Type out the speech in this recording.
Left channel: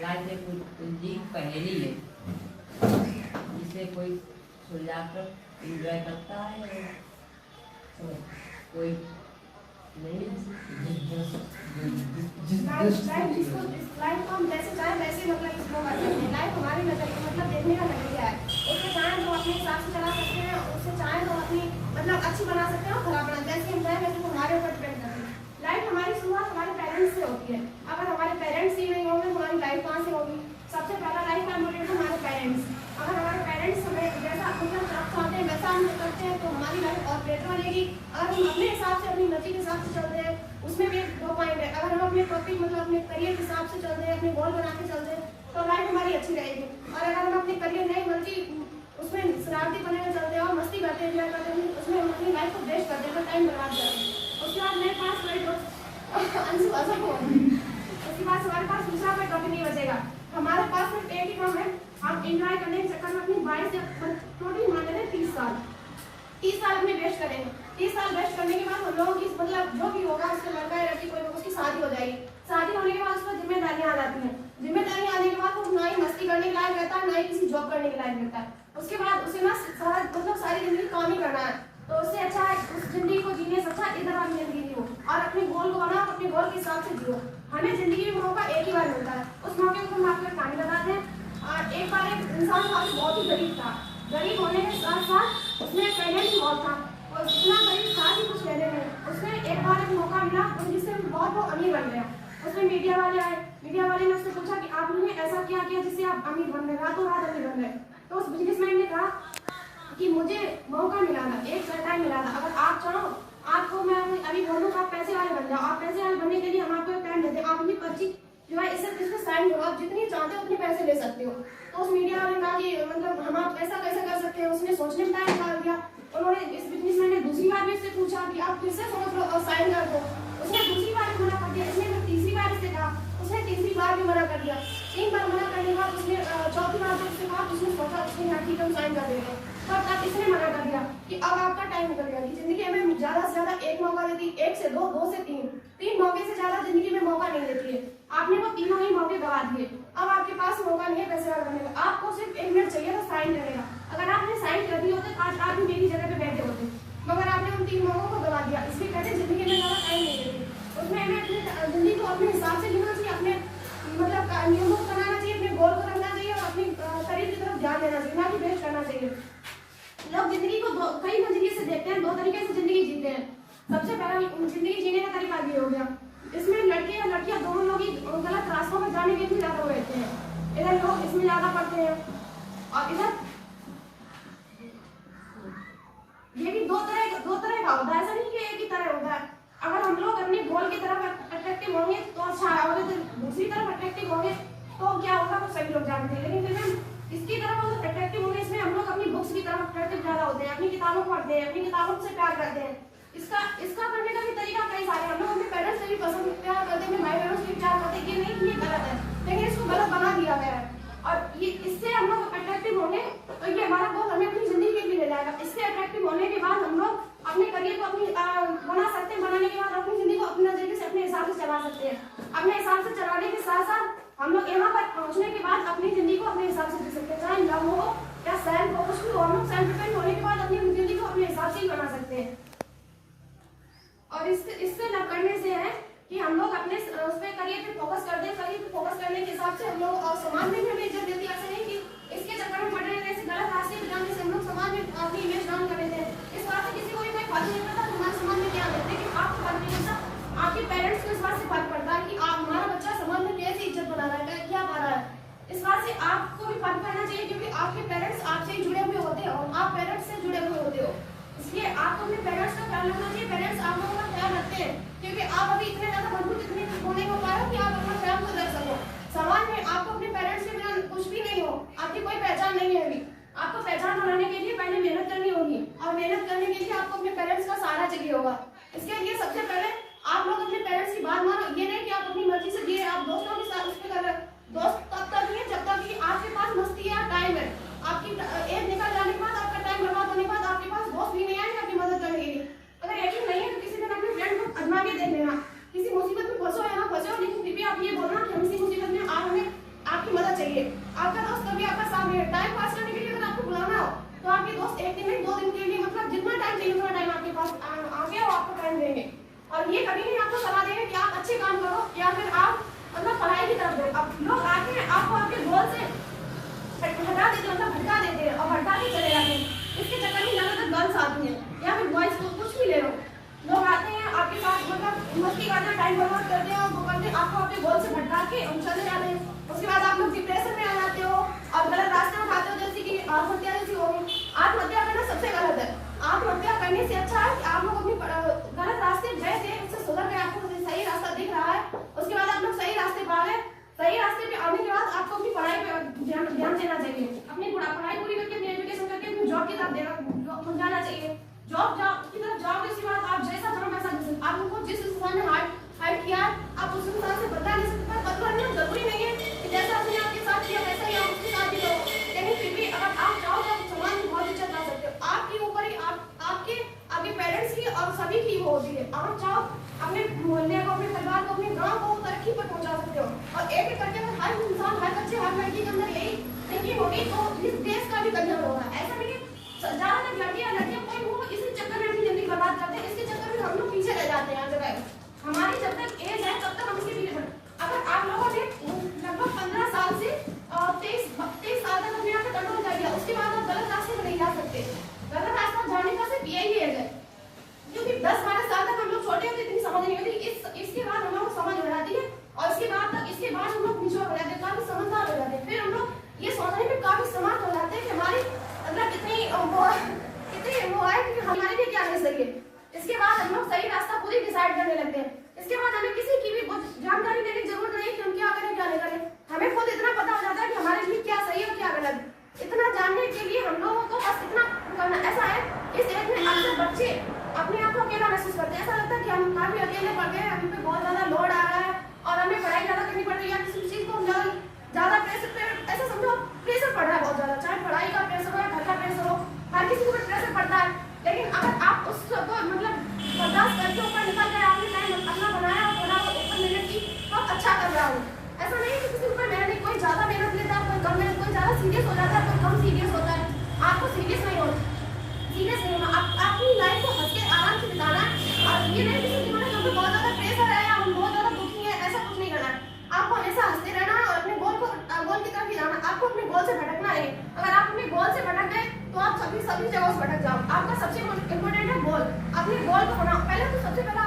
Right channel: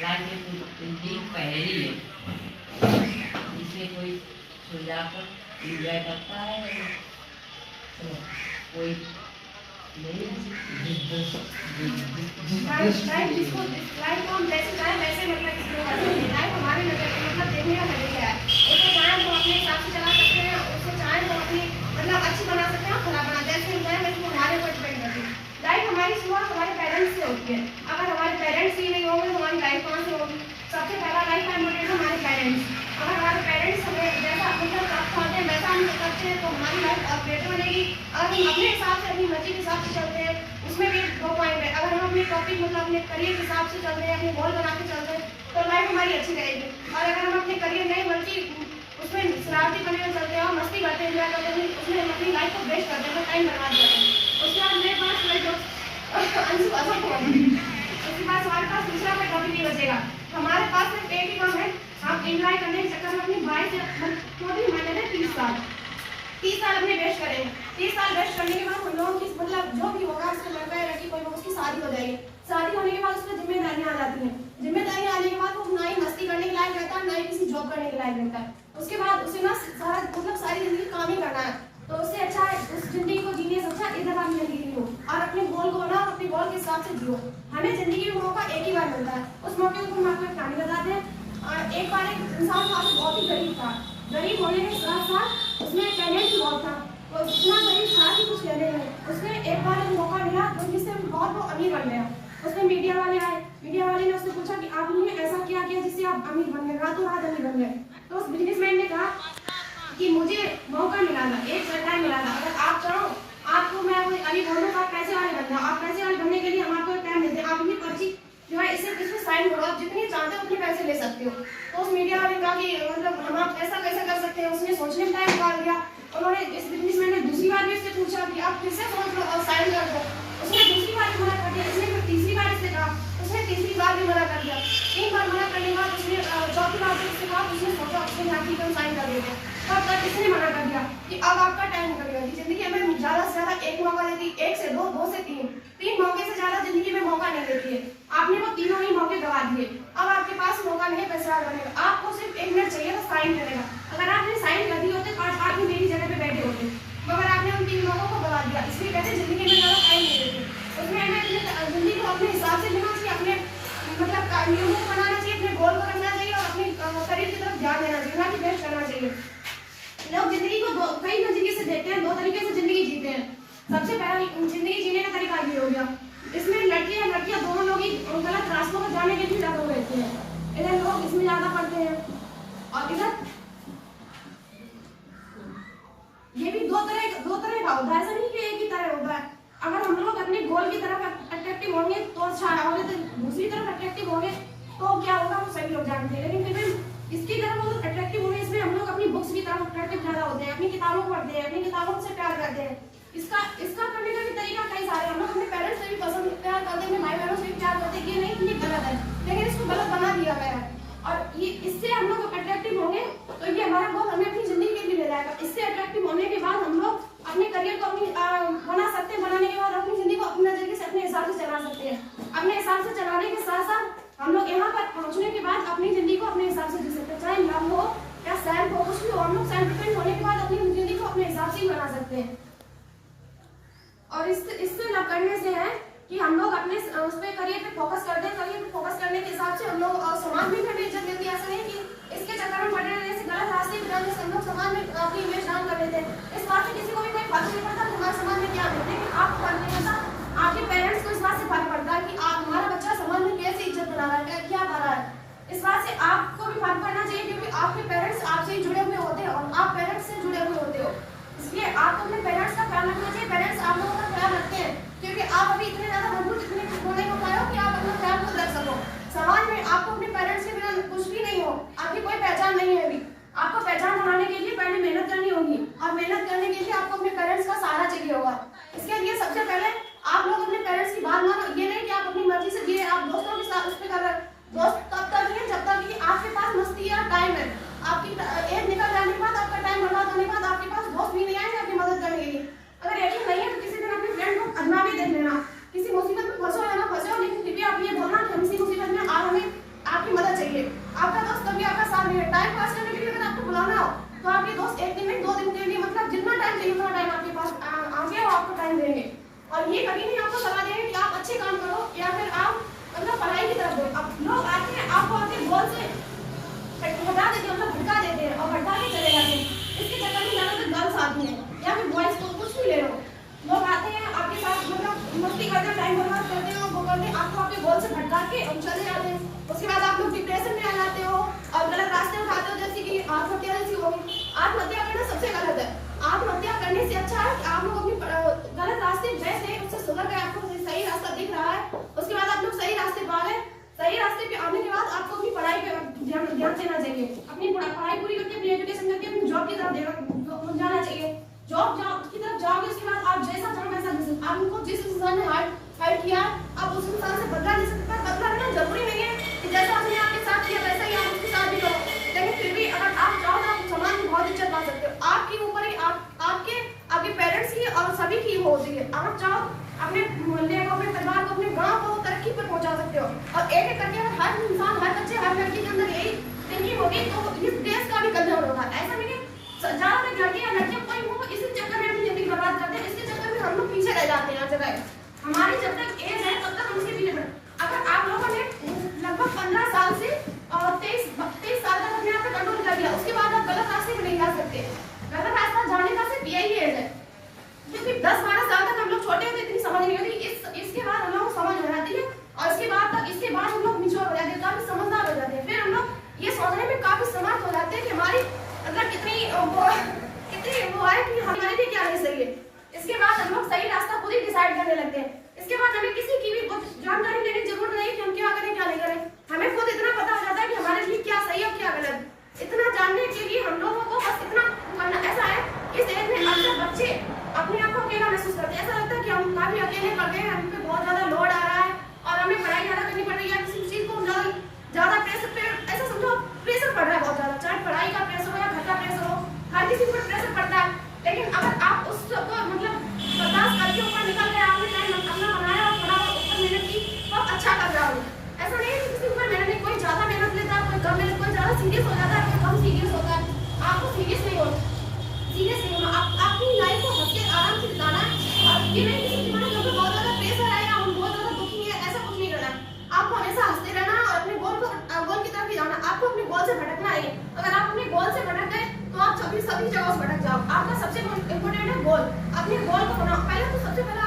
लाके कुछ दिन पहली है, इसे कोई सुलझाकर एंजॉय करता है, कोई नहीं। लाइफ को हम जैसे चाहे वैसे मतलब इसको कर सकते हैं। लाइफ हमारे नजर मतलब देखने का नजरिया है। उसको चाहे तो अपने हिसाब से चला सकते हैं, उसको चाहे तो अपनी मतलब अच्छी बना सकते हैं और खराब बना, जैसे हम चाहे वैसे हमारे ऊपर डिपेंड करती है। लाइफ हमारी शुरुआत हमारे पेरेंट्स से होती है। अगर हमारे पेरेंट्स ही नहीं होंगे तो हमारी लाइफ कहाँ से होगी? सबसे पहला लाइफ का इम्पोर्टेंट हमारे पेरेंट्स। अगर हमारे पेरेंट्स हमें जैसा मतलब चाहते हैं वैसा हम करते हैं तो हमारी लाइफ और बेटर बनेगी। अगर हम अपने हिसाब से अपनी मर्जी के हिसाब से चलते हैं उसमें भी 2 पॉइंट है। अगर हम अपने टॉपिक मतलब अपने करियर के हिसाब से चलते हैं, अपने गोल बना के चलते हैं तो लाइफ हमारी अच्छी रहेगी। और अगर हम अपने करियर नहीं बल्कि उसमें शरारती बने हुए चलते हैं और मस्ती करते हैं, एंजॉय करते हैं, उसमें अपनी लाइफ को वेस्ट करते हैं, तो टाइम बर्बाद करते हैं। उसके बाद मेरे पास कोई अंशु असम होगा, उसके बाद हमारे पास दूसरा कोई टॉपिक नहीं बचेगा। हमारे पास सिर्फ एक ही काम है, हम एंजॉय करने के चक्कर में अपनी 22 से 30 साल 30 साल अपने वेस्ट करेंगे। 30 साल वेस्ट करने के बाद हम लोगों की मतलब जो भी होगा उससे लड़का है लड़की कोई उसकी शादी हो जाएगी। शादी होने के बाद उसमें जिम्मेदारियां आ जाती हैं। जिम्मेदारियां आने के बाद वो ना ही मस्ती करने के लायक रहता है, ना ही किसी जॉब करने के लायक रहता है। उसके बाद उसे ना सारा मतलब सारी जिंदगी काम ही करना है। तो उससे अच्छा है उस जिंदगी को जीने से अच्छा इधर आप जिंदगी हो और अपने गोल को बनाओ, अपने गोल के हिसाब से जियो। हमें जिंदगी में मौका एक ही बार मिलता है। उस मौके को हम आपको एक कहानी बताते हैं। एक बार एक इंसान था, बहुत ही गरीब था। गरीब होने के साथ साथ उसमें टैलेंट भी बहुत था और इतना गरीब था कि कुछ कहने नहीं। उसमें एक बार एक मौका मिला जिससे बहुत वो अमीर बन गया। उसमें मीडिया वाले आए, मीडिया वाले ने उससे पूछा कि आपने ऐसा क्या किया जिससे आप अमीर बन गए, रातों रात अमीर बन गए। तो उस बिजनेसमैन ने कहा कि मुझे मौका मिला था, एक सरकार मिला था, अगर आप चाहो आपको मैं अभी बोलूँ आप पैसे वाले बन जाओ। आप पैसे वाले बनने के लिए हम आपको एक टाइम देते हैं, आप ये पर्ची जो है इसे इसमें साइन करो, आप जितनी चाहते हो उतने पैसे ले सकते हो। तो उस मीडिया वाले ने कहा कि मतलब हम आप ऐसा कैसे कर सकते हैं? उसने सोचने में टाइम निकाल दिया। उन्होंने इस बिजनेसमैन ने दूसरी बार भी उससे पूछा कि आप फिर से सोच लो और साइन कर दो। उसने दूसरी बार भी मना कर दिया। उसने फिर तीसरी बार इससे कहा, उसने तीसरी बार भी मना कर दिया। 3 बार मना करने के बाद उसने चौथी बार जब उससे कहा उसने सोचा उसने यहाँ की साइन कर देते। तब तक इसने मना कर दिया कि अब आपका टाइम निकल गया। जिंदगी हमें ज्यादा से ज्यादा एक मौका देती, 1 से 2, 2 से 3 मौके से ज्यादा जिंदगी में मौका नहीं देती है। आपने वो तीनों ही मौके गवा दिए। अब आपके पास मौका नहीं है पैसे वाला बनने का। आपको सिर्फ 1 मिनट चाहिए वो साइन करने का। अगर आपने साइन कर दी होते तो आज आप भी मेरी जगह पे बैठे होते, मगर आपने उन 3 मौकों को गवा दिया। इसलिए कहते हैं जिंदगी में ज्यादा टाइम नहीं देते। उसमें हमें अपनी जिंदगी को अपने हिसाब से जीना चाहिए, अपने मतलब नियमों को बनाना चाहिए, अपने गोल को रखना चाहिए और अपने शरीर की तरफ ध्यान देना चाहिए, ना कि वेस्ट करना चाहिए। लोग जिंदगी को कई तरीके से देखते हैं, 2 तरीके से जिंदगी जीते हैं। सबसे पहला जिंदगी जीने का तरीका ये हो गया, इसमें लड़के या लड़कियां दोनों लोग ही गलत रास्तों पर जाने के लिए ज्यादा रहते हैं। इधर लोग इसमें ज्यादा पढ़ते हैं और इधर ये भी दो तरह का होता है, ऐसा नहीं कि एक ही तरह होता है। अगर हम लोग अपने गोल की तरफ अट्रैक्टिव होंगे तो अच्छा है, और दूसरी तरफ अट्रैक्टिव होंगे तो क्या होगा वो सभी लोग जानते हैं। लेकिन फिर हम इसकी तरफ मतलब अट्रैक्टिव होंगे, इसमें हम लोग अपनी बुक्स की तरफ अट्रैक्टिव ज्यादा होते हैं, अपनी किताबों को पढ़ते हैं, अपनी किताबों से प्यार करते हैं। इसका पढ़ने का भी तरीका कई सारे हैं। हम लोग अपने पेरेंट्स से भी पसंद प्यार करते हैं, अपने भाई बहनों से भी प्यार करते हैं, ये नहीं ये गलत है, लेकिन इसको गलत बना दिया गया है। और ये इससे हम लोग अट्रैक्टिव होंगे तो ये हमारा गोल हमें अपनी जिंदगी के लिए ले जाएगा। इससे अट्रैक्टिव होने के बाद हम लोग अपने करियर को अपनी बना सकते हैं, बनाने के बाद अपनी जिंदगी को अपने नजरिए से अपने हिसाब से चला सकते हैं। अपने हिसाब से चलाने के साथ साथ हम लोग यहाँ पर पहुँचने के बाद अपनी जिंदगी को अपने हिसाब से जी सकते हैं, चाहे लव हो या सेल्फ हो, कुछ भी हो। हम लोग सेल्फ डिपेंड होने के बाद अपनी जिंदगी को अपने हिसाब से ही बना सकते हैं। और इससे न करने से है कि हम लोग अपने उस पे करियर पे फोकस कर दें। करियर पे फोकस करने के हिसाब से हम लोग समाज में भी हमें इज्जत मिलती है। ऐसा नहीं कि इसके चक्कर में पड़े रहने से, गलत रास्ते पे जाने से हम लोग समाज में अपनी इमेज डाउन कर देते हैं। इस बात से किसी को भी कोई फर्क नहीं पड़ता कि हमारे समाज में क्या है, लेकिन आपको फर्क नहीं पड़ता, आपके पेरेंट्स को इस बात से फर्क पड़ता है कि आप हमारा बच्चा समाज में कैसे इज्जत बना रहा है, क्या पा रहा है। इस बात से आपको भी फर्क पड़ना चाहिए क्योंकि आपके पेरेंट्स आपसे ही जुड़े हुए होते हैं और आप पेरेंट्स से जुड़े हुए होते हो। इसलिए आपको अपने पेरेंट्स का ख्याल रखना चाहिए। पेरेंट्स आप लोगों का ख्याल रखते हैं क्योंकि आप अभी इतने ज्यादा मजबूत नहीं हो पाए हो कि आप अपना ख्याल खुद रख सको। समाज में आपको अपने पेरेंट्स के बिना कुछ भी नहीं हो, आपकी कोई पहचान नहीं है। अभी आपको पहचान बनाने के लिए पहले मेहनत करनी होगी और मेहनत करने के लिए आपको अपने पेरेंट्स का सहारा चाहिए होगा। इसके लिए सबसे पहले आप लोग अपने पेरेंट्स की बात मानो। ये नहीं कि आप अपनी मर्जी से जिए, आप दोस्तों के साथ उस पर कर रहे। दोस्त तब तक नहीं है जब तक कि आपके पास मस्ती या टाइम है। आपकी एज निकल जाने के बाद, आपका टाइम बर्बाद होने के बाद आपके पास दोस्त भी नहीं आएंगे आपकी मदद करने के लिए। अगर यकीन नहीं है तो किसी दिन अपने फ्रेंड को आजमा के देख लेना। किसी मुसीबत में फंसो या ना फंसो, लेकिन फिर भी आप ये बोलना कि हम इसी मुसीबत में आप हमें भगा देते हैं, मतलब भड़का देते हैं और भड़का के चले जाते हैं। इसके चक्कर में ज़्यादातर गर्ल्स आती हैं या फिर बॉयज़ को, कुछ भी ले लो, लोग आते हैं आपके साथ, मतलब मस्ती करते हैं, टाइम बर्बाद करते हैं और वो करते हैं आपको अपने गोल से भटका के हम चले जाते हैं। उसके बाद आप लोग डिप्रेशन में आ जाते हो और गलत रास्ते उठाते हो, जैसे कि आत्महत्या जैसी हो गई। आत्महत्या करना सबसे गलत है। आत्महत्या करने से अच्छा है कि आप लोग अपनी गलत रास्ते गए थे, उससे सुधर गए, आपको सही रास्ता दिख रहा है, उसके बाद आप लोग सही रास्ते पा गए। सही रास्ते पे आने के बाद आपको अपनी पढ़ाई पे ध्यान देना चाहिए। अपनी पढ़ाई पूरी करके, अपनी एजुकेशन करके अपनी जॉब की तरफ जाना चाहिए। जॉब की तरफ जाओगे, उसके बाद आप जैसा चाहो वैसा कर सकते। आपको जिस इंसान ने हाइट किया आप उस इंसान से बदला नहीं सकते। पर बदला लेना जरूरी नहीं है कि जैसा आपने आपके साथ किया वैसा ही आप उसके साथ भी करो, लेकिन फिर भी अगर आप चाहो तो आप समाज में बहुत इज्जत पा सकते हो। आपके ऊपर ही आपके पेरेंट्स की और सभी की वो होती है। अगर चाहो अपने मोहल्ले को, अपने परिवार को, अपने गांव को तरक्की पर पहुंचा सकते हो। और एक एक करके हर इंसान, हर बच्चे, हर लड़की के अंदर यही थिंकिंग होगी तो इस देश का भी कल्याण होगा। ऐसा नहीं है ज्यादातर लड़कियां कोई वो इसी चक्कर में अपनी जिंदगी बर्बाद करते हैं। इसके चक्कर में हम लोग पीछे रह जाते हैं हर जगह। हमारी जब तक एज है तब तक हम इसके पीछे अगर आप लोगों ने लगभग 15 साल से 23 साल तक अपने आप पे कंट्रोल कर लिया, उसके बाद आप गलत रास्ते में नहीं जा सकते। गलत रास्ता जाने का सिर्फ यही एज है, क्योंकि 10-12 साल तक हम लोग छोटे होते, इतनी समझ नहीं होती। इसके बाद हम लोग समझ हो जाती है और इसके बाद हम लोग मिच्योर हो जाते हैं, काफी समझदार हो जाते हैं। फिर हम लोग ये सोचने में काफी समर्थ हो जाते हैं कि हमारी मतलब कितनी वो है कि हमारे लिए क्या है सही है। इसके बाद हम लोग सही रास्ता खुद ही डिसाइड करने लगते हैं। इसके बाद हमें किसी की भी जानकारी लेने की जरूरत नहीं कि हम क्या करें क्या नहीं करें। हमें खुद इतना पता हो जाता है कि हमारे लिए क्या सही है और क्या गलत। इतना जानने के लिए हम लोगों को बस इतना करना। ऐसा है इस एज में अक्सर बच्चे अपने आप को अकेला महसूस करते हैं। ऐसा लगता है कि हम काफी अकेले पड़ गए हैं, हम पे बहुत ज्यादा लोड आ रहा है और हमें पढ़ाई ज्यादा करनी पड़ रही है। किसी चीज को ज्यादा प्रेशर पे, ऐसा समझो प्रेशर पड़ रहा है बहुत ज्यादा, चाहे पढ़ाई का प्रेशर हो या घर का प्रेशर हो, हर किसी को प्रेशर पड़ता है। लेकिन अगर आप उस सबको मतलब बर्दाश्त करके ऊपर निकल गए, आपने टाइम अपना बनाया और थोड़ा ऊपर मेहनत की तो आप अच्छा कर रहा हो। ऐसा नहीं है कि किसी ऊपर मेहनत नहीं, कोई ज्यादा मेहनत लेता है, कोई कम मेहनत, कोई ज्यादा सीरियस हो जाता है, कोई कम सीरियस होता है। आपको सीरियस नहीं होना, अपनी लाइफ को हंस के आराम से बिताना है। और ये नहीं किसी जीवन में क्योंकि बहुत ज्यादा प्रेशर है या हम बहुत ज्यादा दुखी है, ऐसा कुछ नहीं करना है। आपको हमेशा हंसते रहना है और अपने गोल की तरफ ही जाना। आपको अपने गोल से भटकना है। अगर आप अपने गोल से भटक गए तो आप सभी जगहों से भटक जाओ। आपका सबसे इम्पोर्टेंट है गोल। अपने गोल को बनाओ। पहले तो सबसे पहला